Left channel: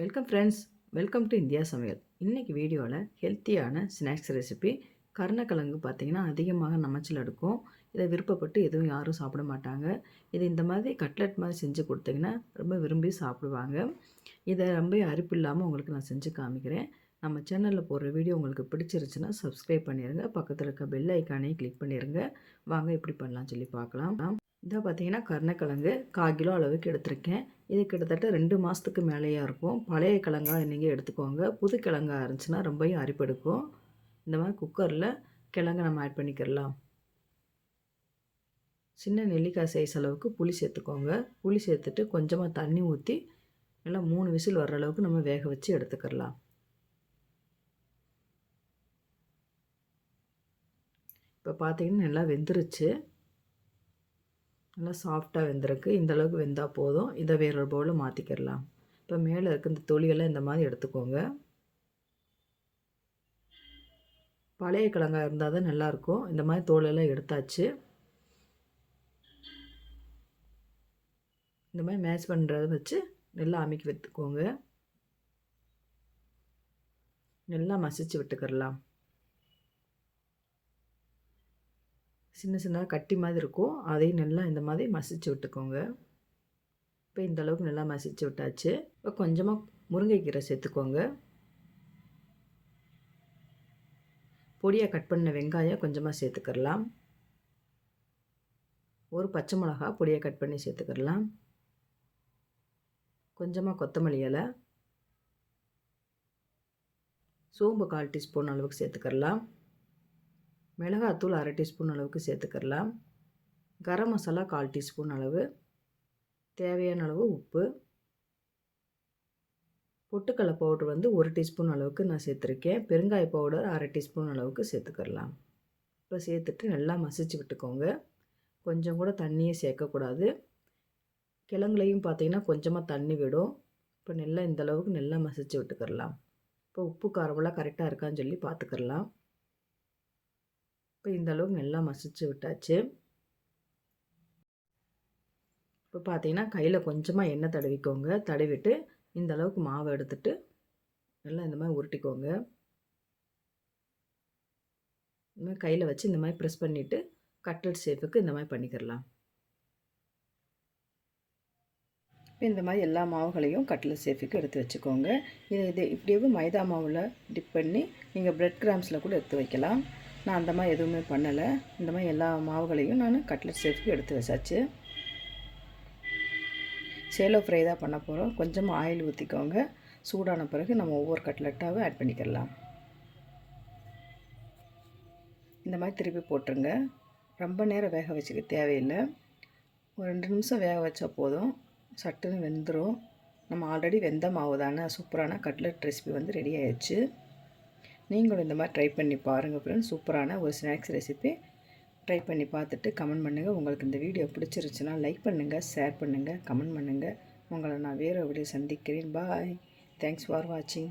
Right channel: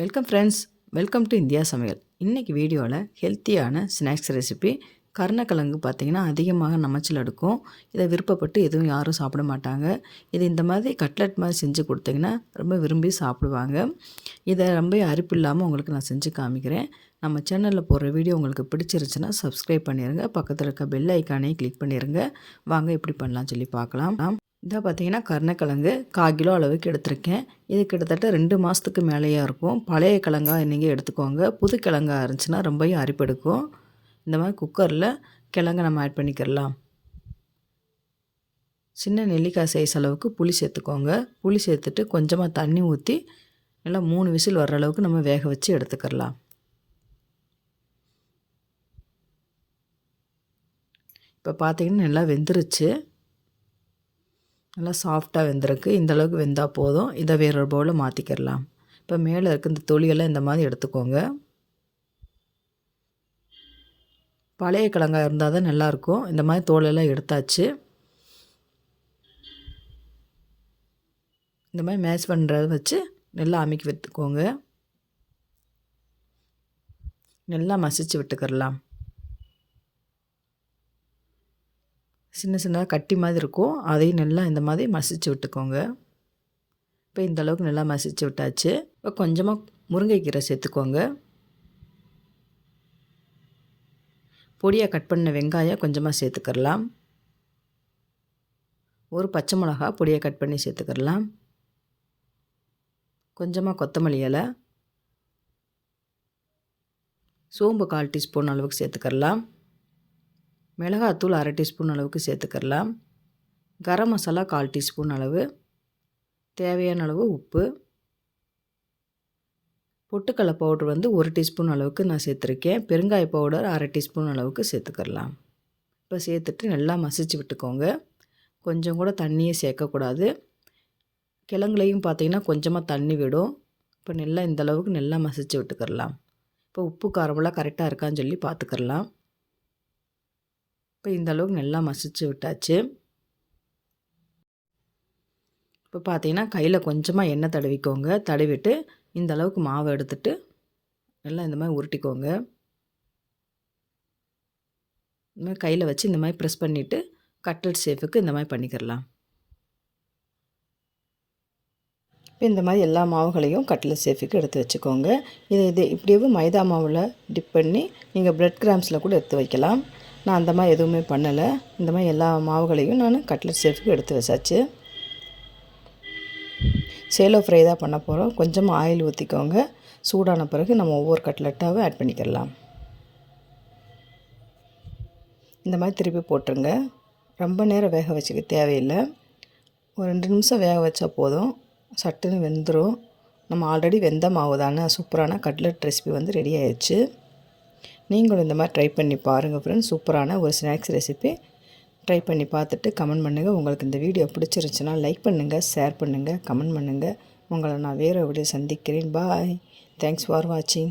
Welcome friends, welcome to India சமையல். இன்றைக்கி வீடியோவில் ஹெல்த்தியான ஸ்நாக்ஸ் ரெசிபி. கருணக்கிழங்கு பார்த்திங்கன்னா அதிகமாக நமைச்சல் எடுக்கும். இதை விருப்பப்பட்டு எதுவும் யாரும் சாப்பிட மாட்டாங்க. இது இந்த மாதிரி கட்லெட் மாதிரி செஞ்சு கொடுத்தீங்கன்னா ரொம்ப விரும்பி சாப்பிடுவாங்க. இதை ரொம்ப அரிப்பு இல்லாமல் உங்களுக்கு நான் செஞ்சு காமிக்கிறேன். நம்ம சேனலில் போடுற வீடியோ உங்களுக்கு பிடிச்சிருச்சுன்னா சப்ஸ்கிரைப் பண்ணிடுங்க. பக்கத்தில் இருக்க பெல் ஐக்கானே கிளிக் பண்ணிடுங்க. வாங்க எப்படி பண்ணலாம்னு சொல்லி பார்க்கலாம். இதை பார்த்திங்கன்னா கருணக்கிழங்கு 1/4 கிலோ அளவுக்கு எடுத்திருக்கேன். இது கிட்டத்தட்ட 2 மாதத்துக்கு மேலேயே இருக்கும். பழைய கிழங்காக நீங்கள் எடுத்துக்கோங்க. புது கிழங்காக இருந்துச்சுன்னா ரொம்பவும் அரிப்பெடுக்கும். இந்த மாதிரி குக்கரில் கிழங்கு நம்ம ஆட் பண்ணிக்கிறலாம். சின்ன நெல்லிக்காய் சைஸ் அளவுக்கு புளி சேர்த்துக்கோங்க. புளி சேர்த்துட்டு கொஞ்சமாக தண்ணி ஊற்றி நல்லா 3 விசில் வர்ற அளவுக்கு நம்ம வேக வச்சு எடுத்துக்கிறலாம். இப்போ பார்த்திங்கன்னா நல்லா வெந்துருச்சு. நல்லா சாஃப்டாக வெந்திருக்கு. இந்த அளவுக்கு வெந்தால் போதும். இதை வேற ஒரு பவுலில் மாற்றிக்கிடலாம். இப்போ மேலே இருக்க இந்த தொலியெல்லாம் இந்த மாதிரி எடுத்துக்கோங்க. பழைய கிழங்காக இருந்தால் தான் நல்லாயிருக்கும். இந்த மாதிரி தோலெல்லாம் எடுத்தாச்சு. இந்த மாதிரி மேட்ச் பண்ணுறத வச்சு நல்லா அமைக்கி விட்டுக்கோங்க. நல்லா மசிச்சு விட்டுக்கிடலாம். சின்ன சின்னதாக கட்டி மாதிரி இருக்கும். அதையும் நல்லா இந்த மாதிரி மசிச்சு விட்டுக்கோங்க. இப்போ இந்த அளவுக்கு நல்லா மசிச்சு விட்டாச்சு. இப்போ கொஞ்சமாக முருங்கைக்கீரை சேர்த்துக்கோங்க. பொடியாக கட் பண்ண வெங்காயம் கொஞ்சமாக சேர்த்துக்கிடலாம். ஒரு பச்சை மிளகா பொடியாக கட் பண்ணி சேர்த்துக்கிடலாம். கொஞ்சமாக கொத்தமல்லி இலை, சோம்பு 1/4 டீஸ்பூன் அளவுக்கு சேர்த்துக்கிடலாம். மிளகாத்தூள் 1/2 டீஸ்பூன் அளவுக்கு சேர்த்துக்கிடலாம். கரம் மசாலா 1/4 டீஸ்பூன் அளவு, தேவையான அளவு உப்பு, பொட்டுக்கடலை பவுடர் 1 டீஸ்பூன் அளவுக்கு நான் சேர்த்துருக்கேன். பெருங்காய பவுடர் 1/2 டீஸ்பூன் அளவுக்கு சேர்த்துக்கிடலாம். இப்போ சேர்த்துட்டு நல்லா மசிச்சு விட்டுக்கோங்க. கொஞ்சம் கூட தண்ணியே சேர்க்கக்கூடாது. கிழங்குலையும் பார்த்திங்கன்னா கொஞ்சமாக தண்ணி விடும். இப்போ நல்லா இந்த அளவுக்கு நல்லா மசிச்சு விட்டுக்கிடலாம். இப்போ உப்பு காரமெல்லாம் கரெக்டாக இருக்கான்னு சொல்லி பார்த்துக்கிடலாம். இப்போ இந்த அளவுக்கு நல்லா மசிச்சு விட்டாச்சு. இப்போ பார்த்தீங்கன்னா கையில் கொஞ்சமாக எண்ணெய் தடவிக்கோங்க. தடவிட்டு இந்த அளவுக்கு மாவை எடுத்துட்டு நல்லா இந்த மாதிரி உருட்டிக்கோங்க. இந்த மாதிரி கையில் வச்சு இந்த மாதிரி ப்ரெஸ் பண்ணிவிட்டு கட்லெட் ஷேப்புக்கு இந்த மாதிரி பண்ணிக்கிடலாம். இப்போ இந்த மாதிரி எல்லா மாவுகளையும் கட்லெட் ஷேப்புக்கு எடுத்து வச்சுக்கோங்க. இது இப்படியே மைதா மாவில் டிப் பண்ணி நீங்கள் பிரெட் கிராம்ஸில் கூட எடுத்து வைக்கலாம். நான் அந்த மாதிரி எதுவுமே பண்ணலை. இந்த மாதிரி எல்லா மாவுகளையும் நான் கட்லெட் ஷேப்புக்கு எடுத்து வச்சாச்சு. சேலோ ஃப்ரை தான் பண்ண போகிறோம். கொஞ்சமாக ஆயில் ஊற்றிக்கோங்க. சூடான பிறகு நம்ம ஒவ்வொரு கட்லெட்டாகவும் ஆட் பண்ணிக்கலாம். இந்த மாதிரி திருப்பி போட்டுருங்க. ரொம்ப நேரம் வேக வச்சுக்க தேவையில்லை. ஒரு 2 நிமிஷம் வேக வச்சா போதும். சட்டுன்னு வெந்துடும். நம்ம ஆல்ரெடி வெந்த மாவு தானே. சூப்பரான கட்லெட் ரெசிபி ரெடி ஆயிடுச்சு. நீங்களும் இந்த மாதிரி ட்ரை பண்ணி பாருங்கள் ஃப்ரெண்ட்ஸ். சூப்பரான ஒரு ஸ்நாக்ஸ் ரெசிபி. ட்ரை பண்ணி பார்த்துட்டு கமெண்ட் பண்ணுங்கள். உங்களுக்கு இந்த வீடியோ பிடிச்சிருந்துச்சுன்னா லைக் பண்ணுங்கள், ஷேர் பண்ணுங்கள், கமெண்ட் பண்ணுங்கள். உங்களை நான் வேறு வீடியோ சந்திக்கிறேன். பாய். தேங்க்ஸ் ஃபார் வாட்சிங்.